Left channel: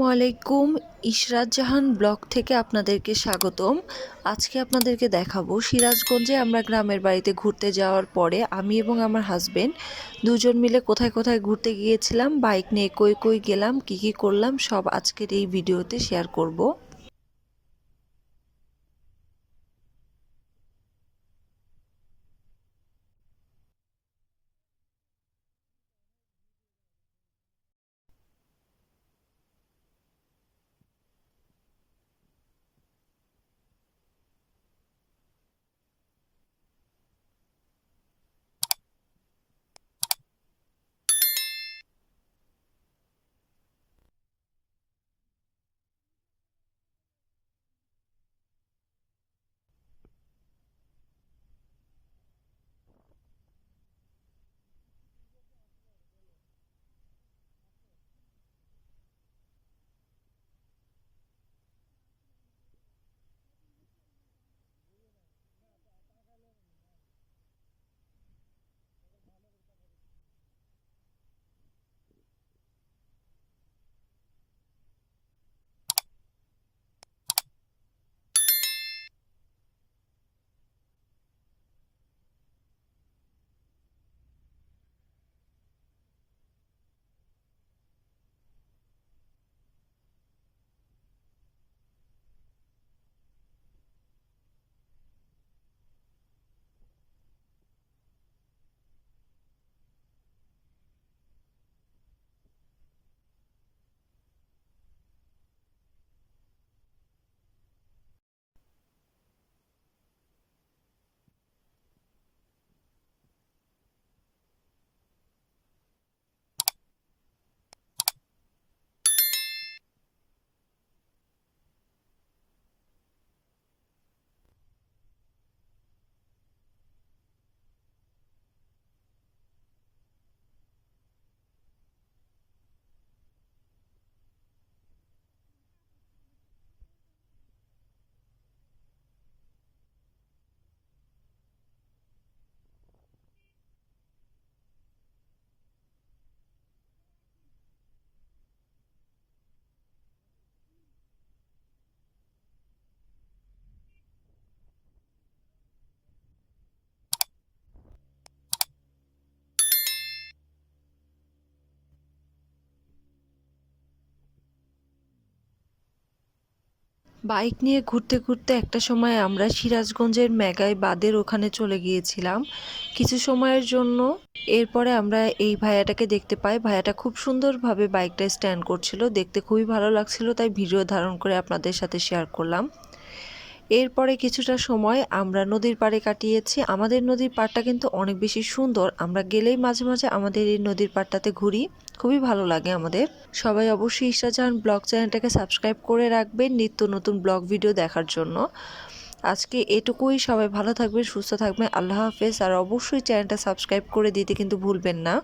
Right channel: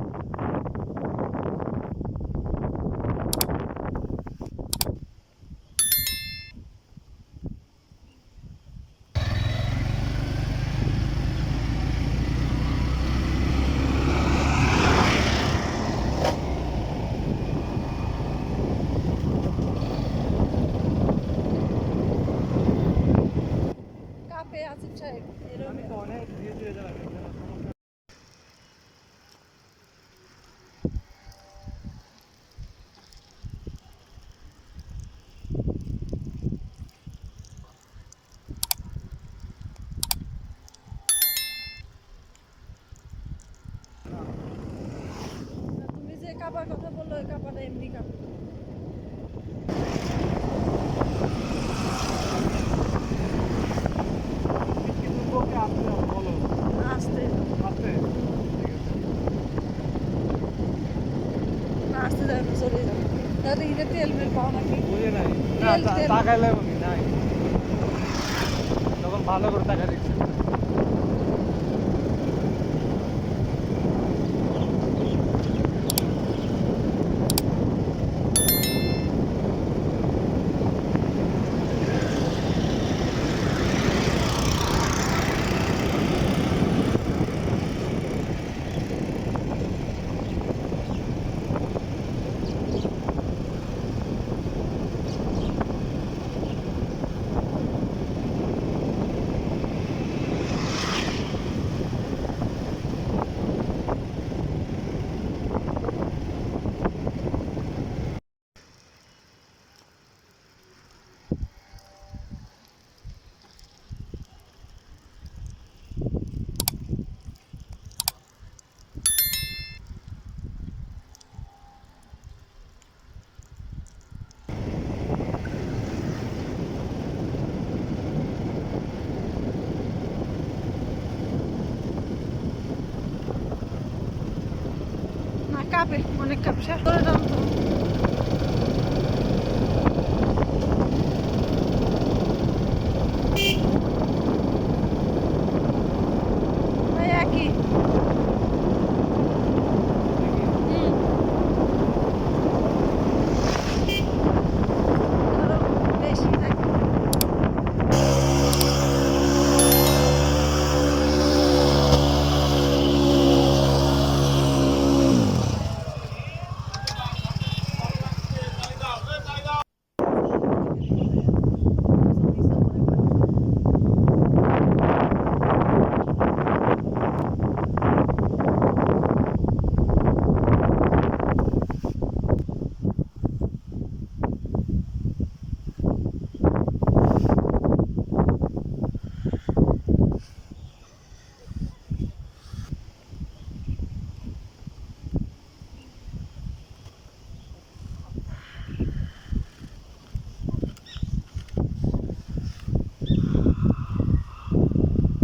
আসসালামু আলাইকুম। ইশরাত জাহান ব্লগ থেকে আপনাদেরকে স্বাগতম। আজকে আপনাদেরকে দেখাবো সিরাজগঞ্জে আমরা গ্রামের বাড়িতে ঘুরতে যাওয়ার পরে আমি এবং আমার হাজবেন্ড দুজন মিলে কোথায় কোথায় ঘুরতে গিয়েছিলাম, বাইক নিয়ে কই কই গেলাম, কি কি করলাম সব আজকে এই ভিডিওতে শেয়ার করব। তুমি যে কাবার কথা বললো ওই কাবাটা এমনি কাবা। আসতে আসতে যাবে চলে যাবে তাহলে এটা তেল মেল পাও নাকি তখন ভালো করে টাকা দিচ্ছি। না কাপে অনেক কাপ শেষ করে দাম তো ওই একই ধরো বেশি নাকি বাইক নিয়ে ঘুরতে ঘুরতে একটা সময় আমরা সিরাজগঞ্জের মেঘাই বাঁধের ওখানে চলে গিয়েছিলাম কিছু সময়ের জন্য। এরপরে আমরা এই ভাইয়াটাকে দেখতে পাই, ভাইয়াটা খুব সুন্দরভাবে বাইকটা স্ট্যান্ড করছিল, দেখতে খুবই ভালো লাগছিল, তাই ভিডিও ধারণ করে আপনাদের সাথে শেয়ার করলাম। এরপরে কিছুটা সময় আমরা নদীর পাড়ে কাটিয়েছি। আমাদের নদীর পাড়টা কিন্তু অনেক বেশি সুন্দর, আমরা গেলেই মাঝে মাঝে আমাদের এই নদীর পাড়টাতে ঘুরি, খুবই ভালো লাগে আমাদের। সবাই অবশ্যই ইশরাত জাহান ব্লগ চ্যানেলটাকে সাবস্ক্রাইব করে রাখবেন নিত্য নতুন ব্লগ ভিডিও দেখার জন্য। আজকে এটুকুই, সবাই ভালো থাকবেন, সুস্থ থাকবেন, আল্লাহ হাফেজ। আর অবশ্যই চ্যানেলটা সাবস্ক্রাইব করে দিতে কিন্তু ভুলবেন না।